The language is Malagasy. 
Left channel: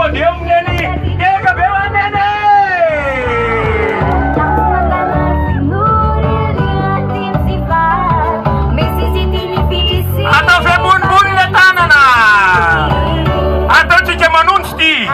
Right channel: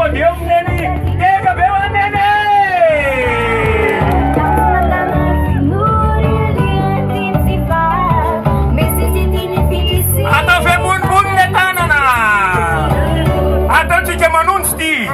Podium Neni, Diego Bela Nene! Atau Femun Bun Letana! Atau Cuca Manunsti!